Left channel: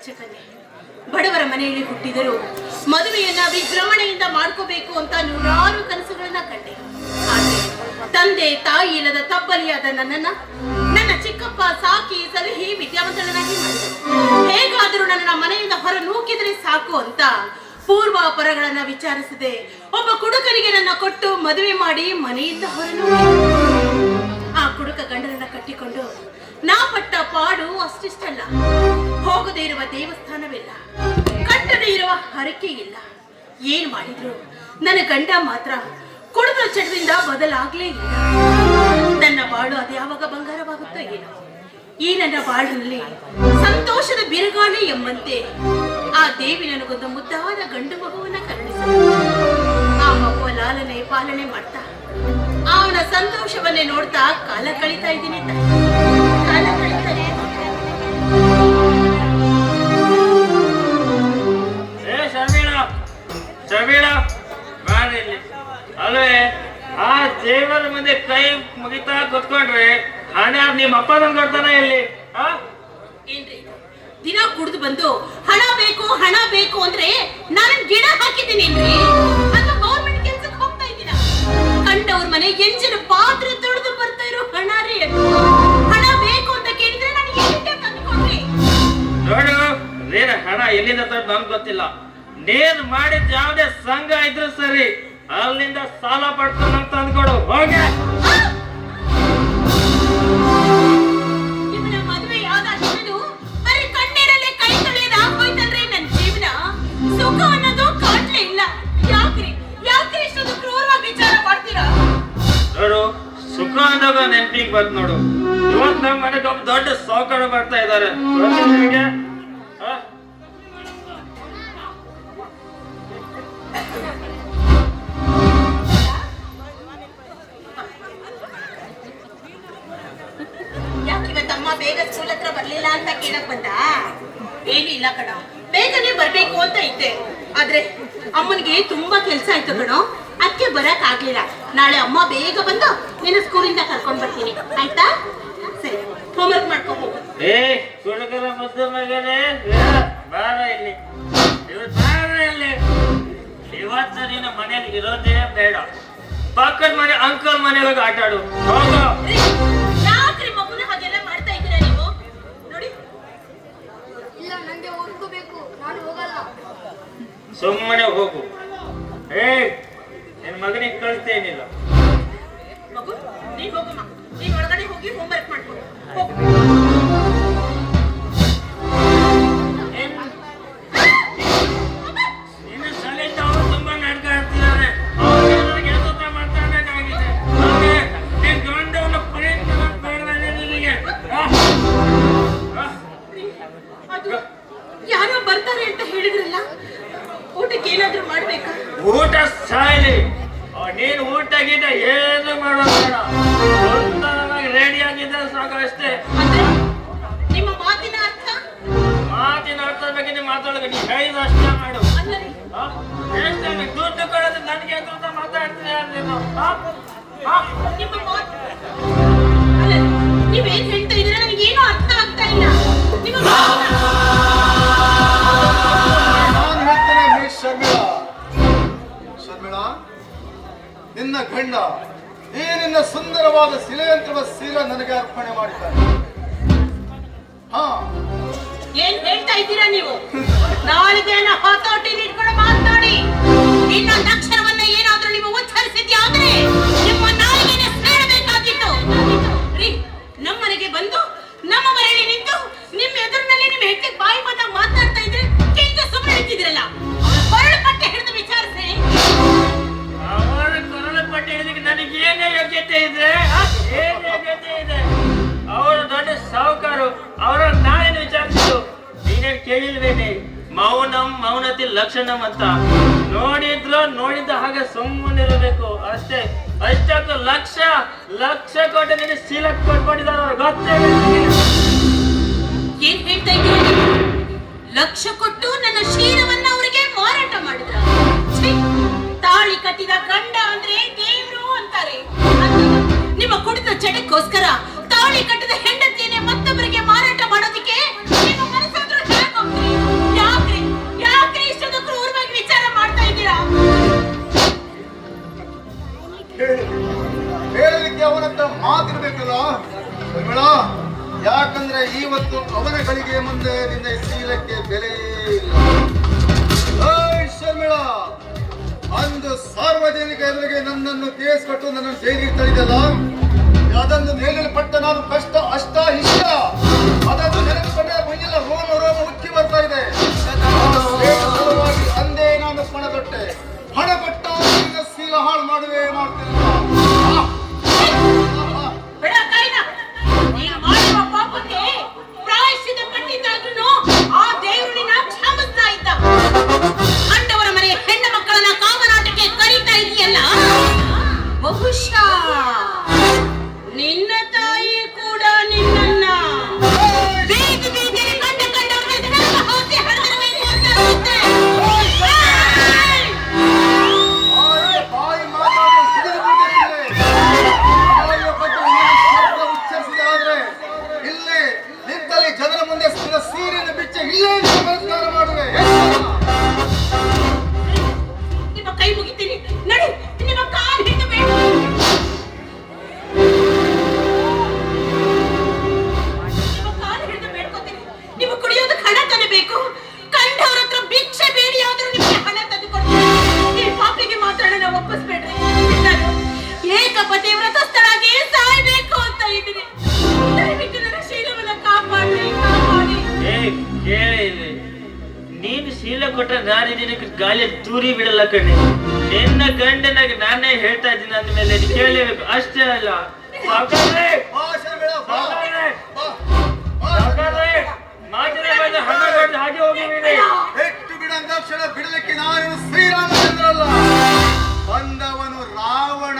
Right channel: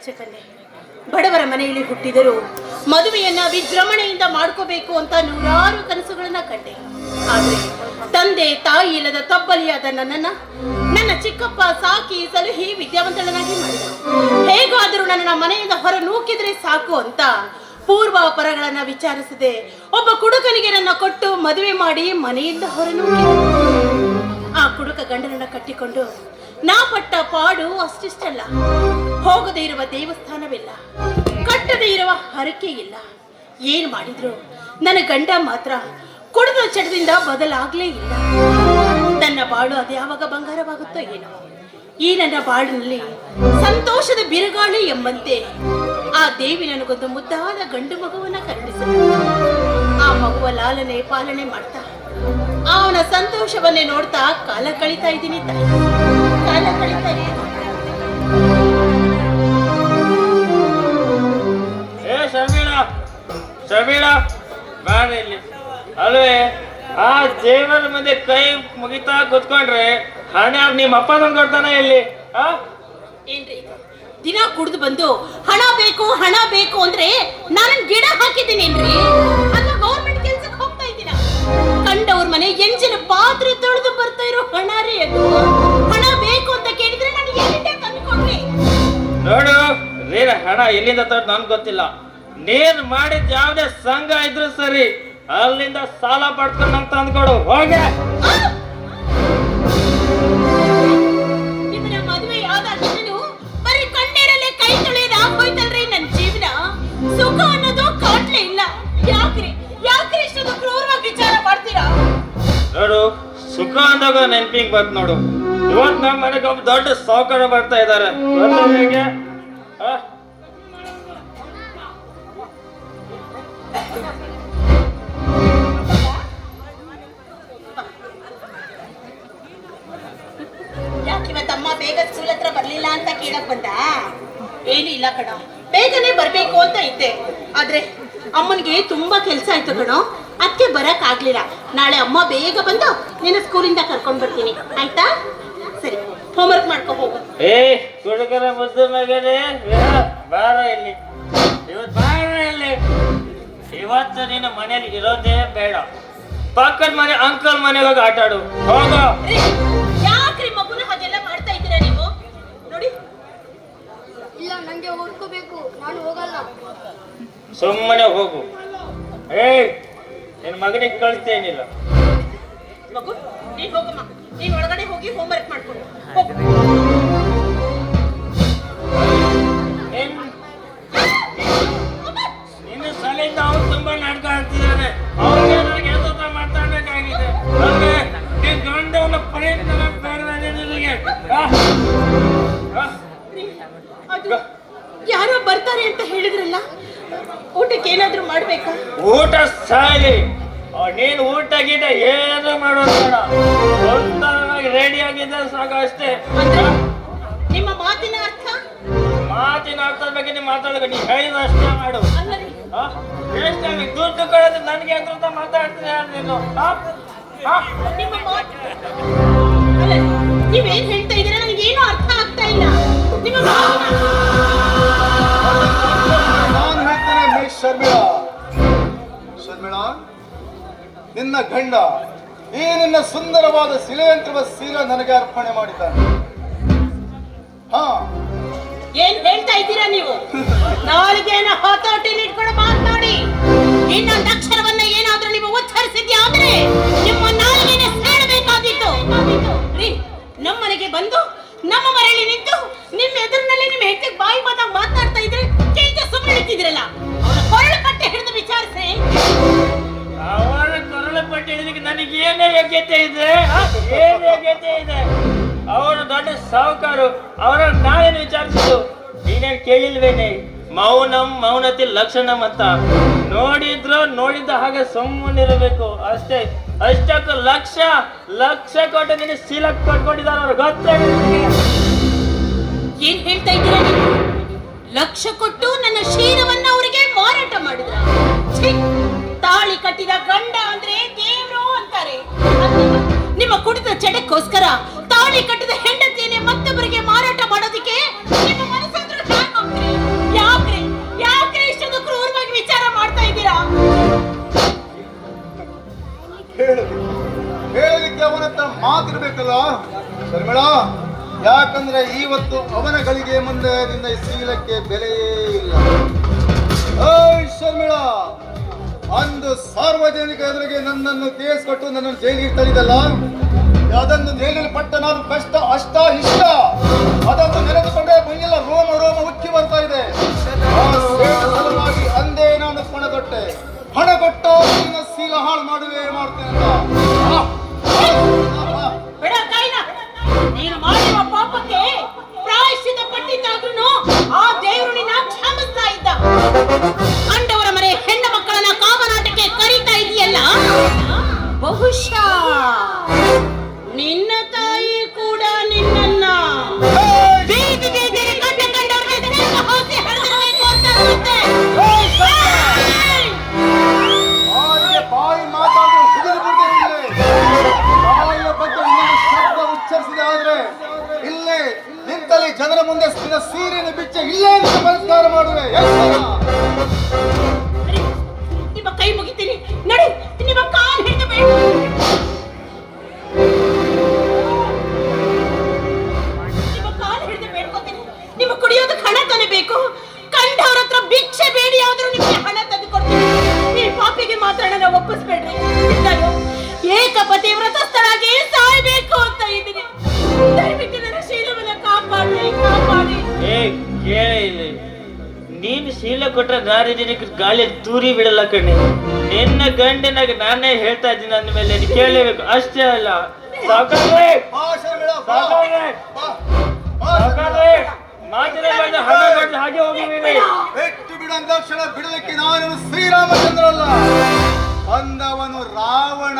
ಬೆಚ್ಚಕನ್ನೆ. ಬಡವರ ಮನೆಯಲ್ಲಿ ಹುಟ್ಟಿದರೂ ಮದುವೆಯನ್ನ ವಿಜೃಂಭಣೆಯಿಂದ ಮಾಡ್ಕೋಬೇಕು ಅಂತ ನೂರಾರು ಕನಸುಗಳನ್ನ ಕಂಡೆ. ಆದ್ರೆ ತಂದೆ ತಾಯಿ ಇಲ್ಲದ ತಬ್ಬಲಿಯಾದ ನನ್ನ ಚಿಕ್ಕಪ್ಪ ಸಾಕಿ ಸಲಹಿ ವಿದ್ಯಾವಂತಳನ್ನಾಗಿ ಮಾಡಿದ್ರು. ಹೇಗಾದರೂ ನನ್ನ ಮನೆಯಿಂದ ಹೊರ ನೂಕಿದ್ರೆ ಸಾಕು ಅಂತ ಪೂರ್ವಾಪರಗಳನ್ನ ವಿಚಾರಿಸದೆ ಒಬ್ಬ ಕುಡುಕನಿಗೆ ನನ್ನ ಕೊಟ್ಟು ಮದುವೆ ಮಾಡಿ ಮನೆಯಿಂದ ಹೊರನೂಕಿದ್ರು. ಆ ಕುಡುಕ ಗಂಡನನ್ನ ಕಟ್ಟಿಕೊಂಡು ನಾ ಪಟ್ಟ ಪಾಡು ಅಷ್ಟಿಷ್ಟಲ್ಲ. ಹೋಗದೇ ಇರುವ ದೇವಸ್ಥಾನವಿಲ್ಲ, ಕಟ್ಟದೇ ಇರುವ ಹರಕೆ ಇಲ್ಲ. ಏನ್ ಮಾಡಿದ್ರು ನನ್ನ ಗಂಡ ಮಾತ್ರ ಕುಡಿದ ಚಟದಿಂದ ಬದಲಾಗ್ಲೇ ಇಲ್ಲ. ನನ್ನ ಬಾಳು ಅದು ಯಾವಾಗ ಬಂಗಾರವಾಗುತ್ತೋ ಏನೋ. ಈ ನನ್ನ ಬಾಳಿನಲ್ಲಿ ಸಂತೋಷದ ಬಿರುಗಾಳಿ ಎಂಬಂತೆ ಆ ದೇವಿ ನನಗೊಂದು ಮುದ್ದಾದ ಗಂಡು ಮಗುವನ್ನ ಕರುಣಿಸಿದ. ಆ ಮಗುವ ಲಾಲನೆ ಪಾಲನೆ ಮಾಡ್ತಾ ಅವನ ಸಂತೋಷವನ್ನೇ ನೋಡ್ತಾ ಕಾಲ ಕಳೀತಾ ಇದ್ದೀನಿ. ಕಾಲ ಕಳೀತಾ ಇದ್ದೀನಿ. ಅಲ್ವೇ ಆ ದೇವರ ಮುಂದೆ ಕೈ ಮುಗಿತಾ ಕೂತ್ಕೊಂಡ್ರೆ ಹಣ ನಿಮ್ಮ ಅಪ್ಪ ನಂಗೆ ಕೊಡ್ತಾನ ಇಲ್ಲಿ? ಏನ್ರಿ ದಿನ ಕುಡಿದು ಬಂದು ಹಣ ಬೇಕು ಅಂದ್ರೆ ನಾನು ಗಿಡ ಹಾಕಿದ್ದೀನೇನ್ರಿ? ಅಲ್ಲ ಗೌರ್ಮೆಂಟ್ ಕೆಲ್ಸಕ್ಕೆ ಹೋಗ್ತಾ ಇದ್ದೀನ. ಕಂಡವ್ರ ಮನೆ ಎಂಜಿನ ಪಾತ್ರೆ ತೊಳೆದು ಬರ್ತಾ ಇರೋ ಹಣ ರೀ ಅದು. ಹಣ ಬೇಕು ಅಂತ ಕೇಳಿದ್ರೆ ನಾನು ಎಲ್ಲಿಂದ ತಂದ್ಕೊಂಡ್ರಿ? ನೋಡು ನೀನ ಹಣ ಎಲ್ಲಿಂದ ತಂದು ನನ್ಗೆ ಗೊತ್ತಿಲ್ಲ. ನೀನ್ ಮಾಡಿದ ಯಾವ್ದೇ ಸಂಘ ಇದ್ರು ಸರಿ ಅಲ್ಲಿಂದ ಸಾಲ ಪಡ್ಕೊಂಡು ನಂಗೆ ತಂದ್ಕೊಡು ಹೋಗೆ. ಇವನ ಮದುವೆ ಯಾವ್ದಾಗಿದ್ದು ಬರೀ ಕಣ್ಣೀರಲ್ಲೇ ಕೈ ತೊಳೆಯೋದು ಆಗೋಯ್ತಲ್ರಿ ನನ್ನ ಜೀವನ. ಸುಖ ಅನ್ನೋದು ಕಾಟ್ಲೇ ಇಲ್ಲ. ಯಾಕ್ರಿ ಇಷ್ಟೊಂದು ಕ್ರೂರವಾಗಿ ವಿಚಾರ ಮಾಡ್ತೀರಾ? ನೋಡು ಸುಖ ಅಂದಾಗ ನೆನ್ಪಿಂಗ್ ಬಂತು ನೋಡು. ಇವತ್ತು ನಮ್ಮ ಮನೆಗೆ ಒಬ್ಬ ದೊಡ್ಡ ಸಾವುಕಾರ ಬರ್ತಾ ಇದ್ದಾರೆ. ಬೇಗ ಸ್ಕೂಲ್ ಹತ್ರ ಬರ್ಲಿಲ್ಲ ಅಂತ ಕೇಳಕ್ ಬಂದ? ಏನು ಇಲ್ಲ ಕಣ, ಬೇಗನೆ ಬರ್ಬೇಕು ಅಂತ ಇದ್ದೆ. ಆದ್ರೆ ಅಮ್ಮನಿಗೆ ತುಂಬಾ ಕೆಲ್ಸ ಆಯ್ತು ಕಣೋ, ಅದಕ್ಕೆ ಬರಕ್ ಆಗ್ಲಿಲ್ಲ. ನಾಳೆ ಅಮ್ಮ ಬೇಗ ಬಂದು ನಿನ್ನ ಸ್ಕೂಲಿಂದ ಕರ್ಕೊಂಡ್ ಬರ್ತೀನಿ ಆಯ್ತಾ? ಸರಿ, ಹೋಮ್ವರ್ಕ್ ಮಾಡ್ಕೊ ಹೋಗು. ಹುಡುಗರ ಮುದ್ದು ಮಗನೇ ಬಾರ ಇಲ್ಲಿ, ಇವತ್ತು ನೀನು ಮನೇಲಿ ಇರೋದೇ ಬೇಡ. ಪಕ್ಕದ ಮನೆ ಅಂಕಲ್ ಮನೆಗೆ ಹೋಗಿ ಆಟ ಆಡು ಹೋಗ. ಯಾಕ್ರಿ ಮಗುನ ಹಾಗೆಲ್ಲ ಮಾಡ್ತಾ ಇದ್ದೀರಾ ನೀವು? ನೋಡಿ, ಇಲ್ಲ ನಂಗೆ ಓದ್ಕೋಬೇಕು, ನಾನು ಹೋಗಲ್ಲ. ಸುಮ್ಮನೆ ಹೋಗು. ನಿನ್ ಮಗನಿಗೆ ಕಳಿಸ್ತೇನಿಲ್ಲ. ಮಗು ನೀನ್ ಹೋಗು, ನೀನ್ ಒಳಗಡೆ ಹೋಗಿ ಹೋಮ್ವರ್ಕ್ ಮಾಡ್ಕೊ ಹೋಗು. ನಿನ್ನ ಶಾಲೆಯಿಂದ ಅವರು ತುಂಬಾ ನಾಟಕ ಆಡ್ತಿದ್ದಾರೆ. ಅವರೇ ನನಗೆ ಕೆಲಸ ಮಾಡ್ತಾಬೇಕಾಗಿದೆ. ನೀನ್ ಗಂಡವನ್ನ ಪ್ರಯತ್ನ ಅದು ಯಾರೋ ಬರ್ತಾರೆ ಅಂತ ಹೇಳಿದ್ರಲ್ಲ, ಊಟಕ್ಕೆ ಏನಾದ್ರೂ ಮಾಡ್ಬೇಕಾ? ಊಟ ಸಾಯಲಿ, ನೀನು ಊಟ ಗೀಟ ಏನು ಮಾಡೋಣ, ರೆಡಿ ಆಗಿದ್ರೆ ಸಾಕು ಅಷ್ಟೇ. ನಿಮ್ಮ ಮಾತಿನ ಅರ್ಥ ಬಗ್ಗೆ ಮಾತಾಡಬೇಕು. ನೀನು ಹೇಳಿದ ಅಷ್ಟೇ ಮಾಡು. ದುಡ್ಡು ಕೊಡೋದು ನನಗೆ ಅಂತ ಮಾತಾಡ್ತೀನಿ ನೀನು. ನೀವೇನ್ ಹೇಳ್ತಾ ಇದ್ದೀರಾ ನನಗೇನು ಅರ್ಥ ಆಗ್ತಾ ಇಲ್ಲ. ನಾನು ಹೇಳ್ತೇನೆ ಮಿಸ್ ಶರ್ಮಿಳಾ, ನಿನ್ನ ಗಂಡ ಈ ನಿನ್ನ ಸುಂದರವಾದ ಶಿಲೆಯಂತ್ರದ ಸೀಲ ನನಗೆ ಅರ್ಪಣೆ ಮಾಡಿದ್ದಾನೆ. ಏನ್ ಹೇಳ್ತಾ ಇದ್ದೀರಾ ನೀವು? ನಾಳೆಗೇನ ಹತೋಟಿಲಿ ಇಟ್ಕೊಂಡು ಮಾತನಾಡಿ. ಇನ್ನೊಂದು ಅಕ್ಷರವನ್ನ ಏನಾದ್ರೂ ನೀವು ಉಚ್ಚರಿಸಿದ್ಯಾದ್ರೆ ನಿಮ್ಮ ನಾಲಿಗೆನ ಸೇರಬೇಕಾದಿತ್ತು. ನಮ್ಮನೆಗೆ ಬಂದು ನಮ್ಮ ಮನೆಯಲ್ಲಿ ನಿಂತು ನಿಮ್ಮ ಎದುರಿನಲ್ಲಿ ನಿಮ್ಮ ಹೆಂಡತಿಗೆ ಬಾಯಿ ಬಂದ ಮಾತಾಡ್ತಾ ಇದ್ರೆ ಈಗ ಸುಮ್ಮನೆ ಇರ್ತಿದ್ರಲ್ಲ. ಕೊರಳು ಪಟ್ಟೆ ಹಿಡಿದು ವಿಚಾರಿಸಿ. ಅವರ ಕೊರಳು ಪಟ್ಟೆ ಹಿಡಿದಕ್ಕೆ ನನಗೆ ಏನೇ ಯೋಗ್ಯತೆ ಇದೆ? ಏನ್ ಯೋಗ್ಯತೆ ಇದೆ? ಅವರು ದೊಡ್ಡ ಸಾಹುಕಾರು, ಅವರ ನಾವೇನು ವಿಚಾರಿಸಿದ್ರು? ನೀನೇ ಕೇಳಿಲ್ವೇನೆ? ಮೌನತಿ ಲಕ್ಷಣಂ ಅಂತ. ನೋಡಿದ್ದ ಹಾಗೆ ಸುಮ್ಮನಿರಬೇಕು ಅಷ್ಟೇ. ಅಷ್ಟಕ್ಕೂ ಲಕ್ಷ ಕೊಟ್ಟು ನೀನು ಸೀಲಕ್ ಕಟ್ಕೊಂಡಿದ್ದಾರೆ ಅವ್ರು ಗೊತ್ತೇ. ಏನ್ ಹೇಳ್ತಾ ಇದ್ದೀರಾ ನೀವು? ಲಕ್ಷ ಕೊಟ್ಟು ನನ್ನ ಶೀಲವನ್ನ ಅವರಿಗೆ ಮಾರಾಟ ಮಾಡಿದ್ರ? ತಾಳಿ ಕಟ್ಟಿದ ಗಂಡ ಅಂದ್ರೆ ದೇವ್ರು ಅಂತಾರೆ. ನಿಮ್ಮ ಕುಡಿದ ಚಟಕ್ಕೋಸ್ಕರ ತಾಳಿ ಕಟ್ಟಿದ ಹೆಂಡತಿಯನ್ನೇ ಮತ್ತೊಬ್ಬರಿಗೆ ಮಾರಾಟ ಮಾಡೋದಿಕ್ಕೆ ನಿಮ್ಮ ಮನಸ್ಸಾದ್ರೂ ಹೇಗೆ ಹೋಗ್ತೀರಿ? ಯೌವನಗಳಿಗೆ ಮುಂದೆ ನಿನ್ನ ಈ ಶೀಲಕ್ಕೆ ಬೆಲೆ ಇಲ್ಲ. ಓಯ್ ಶರ್ಮಿಳಾ, ಅಂದು ಸಾರ್ವಜನಿಕ ಎದುರಿಗೆ ನನ್ನನ್ನು ಕೇಸ್ ಕೊಟ್ಟು ನನ್ನನ್ನು ಜೈಲಿಗೆ ತಳ್ಳಿದಲ್ಲ, ಅದನ್ನು ಪಟ್ಟ ನಾನು ಕಷ್ಟ ಅಷ್ಟ ಇಷ್ಟ ಅದನ್ನು ನೆನೆದುಕೊಂಡೇ ಮೈಯೆಲ್ಲ ರೋಮ ರೋಮ ಉಕ್ಕಿ ಬರ್ತಾ ಇದೆ. ಸಲುವಾಗಿ ಅಂದೇ ನಾನು ಪಣದೊಟ್ಟೆ, ಹಣ ಕೊಟ್ಟ ನಿನ್ನ ಶೀಲ ಹಾಳು ಮಾಡುವೆ ಮಾಡ್ತೀನಿ. ಬೇಡ ಕಾಯಿನ, ನೀನು ಮಾಡಿರುವ ಪಾಪಕ್ಕೆ ಪ್ರಾಯಶ್ಚಿತ್ತ ಪಟ್ಟಿದ್ದಾದ್ರೂ ಆ ದೇವರು ನಿನ್ನ ಕ್ಷಮಿಸ್ತಾ ಇದ್ದ. ಕಂಡವರ ಮನೆ ಹೆಣ್ಣು ಮಕ್ಕಳನ್ನ ಕಾಮನಾಟಕ್ಕೆ ಕರೀತಾ ಇದೆಯಲ್ಲ, ಬಹುಶಃ ನಿನ್ನ ತಾಯಿ ಕೂಡ ನಿನ್ನನ್ನ ಬೀದಿ ಬೀದಿಗೆ ಕಂಡವರಿಗೆ ಹಾಕಿ ಹರಿದಿರಬೇಕು ಅಂತ ಅನ್ಸುತ್ತೆ. ಬಾಯಿ ಮಾತಾಡಿ ಶಬ್ದ ಉಚ್ಚರಿಸಿದೆ ಆದ್ರೆ ಇಲ್ಲೇ ನಿಂತಲ್ಲಿ ಜನರ ಮುಂದೆ ಸೀರೆಯನ್ನು ಬಿಚ್ಚ ಇಲ್ಲೇ ನಮಸ್ಕಾರ ಮಾಡುವೆ. ನಿಮ್ಮ ಕೈ ಮುಗಿತೀನಿ, ನಡಿ, ನಿಮ್ಮ ಕಾಲು ಹಿಡಿದಬೇಕು. ನಿಮ್ಮ ಕುಡಿಯೋದಕ್ಕೆ ಹಣ ತಾನೇ ಬೇಕು. ಕಂಡವ್ರ ಹತ್ರ ಭಿಕ್ಷೆ ಬೇಡಿ ಆದ್ರೂ ನಿಮಗೆ ಹಣ ತಂದು ಕೊಡ್ತೀನಿ. ಈ ಪಾಪಿಗೆ ಮಾತ್ರ ನನ್ನ ಒಪ್ಪಿಸ್ಬೇಡ್ರಿ. ನಾನು ಏಕಪತಿ ವ್ರತಸ್ಥರಾಗಿ ಸಾಯ್ಬೇಕು ಅಂತ ಇದ್ದೀನಿ. ದಯವಿಟ್ಟು ನನ್ನ ಶೀಲವನ್ನ ಕಾಪಾಡಿ ಕಾಪಾಡಿ. ಕೇಳೇ ಇಲ್ಲ, ನೀನು ಶೀಲ ಕೊಟ್ಟ ದಾರಿ ಜನಕ್ಕೆ ಗಾಳಿ ತೂರಿ ಬಿಡಲ್ಲ ಕಣ್ಣೆ. ನಿನ್ನ ಗಂಡನಾಗ ನಾನೇ ಹೇಳ್ತಾ ಇದ್ದೀನಿ ಅಂದ್ಮೇಲೆ ಕೇಳಲೇಬೇಕು. ಅಷ್ಟೇ ಅಲ್ಲ, ಸಾಕಾದ್ರೆ ಹಾಗೆ ಹೋಗಿದ್ದೀನಿ. ಹೆಚ್ಚು ಬಿಡಂದಾಕ್ಷಣ ಬಿಡಲಿಕ್ಕೆ ನಾನು ಶ್ರೀರಾಮಚಂದ್ರಲ್ಲ, ಬಂದವನು ರಾವಣ.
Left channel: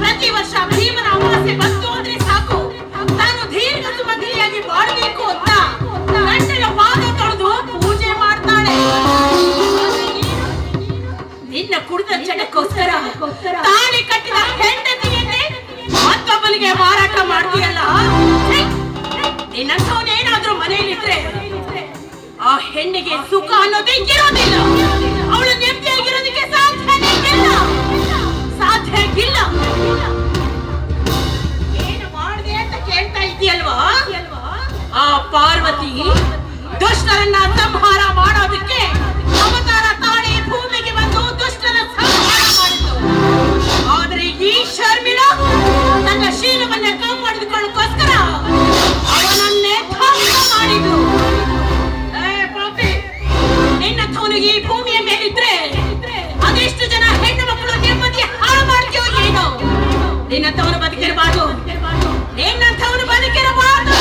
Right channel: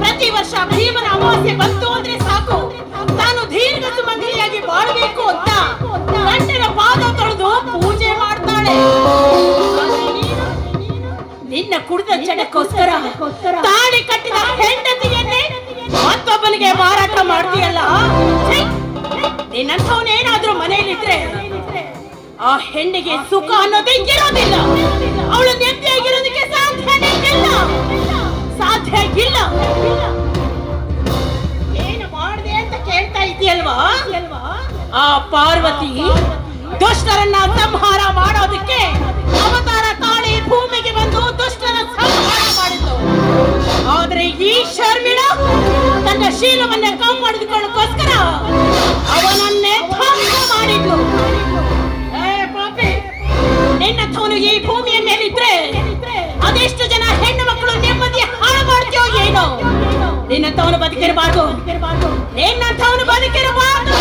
ಪ್ರತಿ ವರ್ಷ ಭೀಮನ ಅಮಾವಾಸ್ಯೆ ಬಂತು ಅಂದ್ರೆ ಸಾಕು, ತಾನು ದೀರ್ಘ ಸುಮಂಗಲಿಯಾಗಿ ಬಾಳಬೇಕು ಅಂತ ಗಂಡನ ಪಾದ ತೊಳೆದು ಪೂಜೆ ಮಾಡ್ತಾಳೆ. ನಿನ್ನ ಕುಡಿದ ಚಟಕ್ಕೋಸ್ಕರ ತಾಳಿ ಕಟ್ಟಿದ ಹೆಂಡತಿಯನ್ನೇ ಮತ್ತೊಬ್ಬನಿಗೆ ಮಾರಾಟ ಮಾಡ್ತೀಯಲ್ಲ. ನಿನ್ನಂಥವನೇನಾದ್ರೂ ಮನೆಯಲ್ಲಿದ್ರೆ ಆ ಹೆಣ್ಣಿಗೆ ಸುಖ ಅನ್ನೋದೇ ಇರೋದಿಲ್ಲ. ಅವಳು ನೆಮ್ಮದಿಯಾಗಿರೋದಕ್ಕೆ ಸಾಧ್ಯನೇ ಇಲ್ಲ, ಸಾಧ್ಯ ಇಲ್ಲ. ಏನು ಮಾಡಿದೆ ಅಂತ ಕೇಳ್ತಾ ಇದೆಯಲ್ವಾ? ಆ ಪಾರ್ವತಿ ದುಷ್ಟರನ್ನ ಸಂಹಾರ ಮಾಡೋದಕ್ಕೆ ಅವತಾರ ತಾಳಿ ಭೂಮಿಗೆ ಬಂದು ದುಷ್ಟರ ಸಂಹಾರ ಮಾಡಿದ್ದು. ಆದ್ರೆ ಈ ಶರ್ಮಿಳಾ ತನ್ನ ಶೀಲವನ್ನ ಕಾಪಾಡಿಕೊಳ್ಳೋದಕ್ಕೋಸ್ಕರ ಅವನನ್ನೇ ಧ್ವಂಸ ಮಾಡಿದ್ರು. ನಿನ್ನಂಥವನು ಈ ಭೂಮಿಯ ಮೇಲಿದ್ರೆ ಅದೆಷ್ಟು ಜನ ಹೆಣ್ಣು ಮಕ್ಕಳು ನೆಮ್ಮದಿ ಹಾಳು ಮಾಡ್ತೀಯೋ ಏನೋ. ನಿನ್ನಂಥವನು ಬದುಕಿರಬಾರ್ದು, ನಿನ್ನಂಥವನು ಬದುಕಿರಬಾರ್ದು.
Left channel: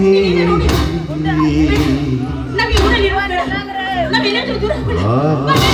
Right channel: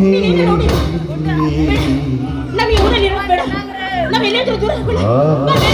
ನೀನೇನ ನೋಡಿ? ಬೇಡ. ನಾವ್ ಈ ಊರಲ್ಲಿ ಇರೋದು ಬೇಡ. ನಾವ್ ಎಲ್ಲಾದ್ರೂ ದೂರ ಹೋಗೋಣ. ಬಾ ಬೇಗ.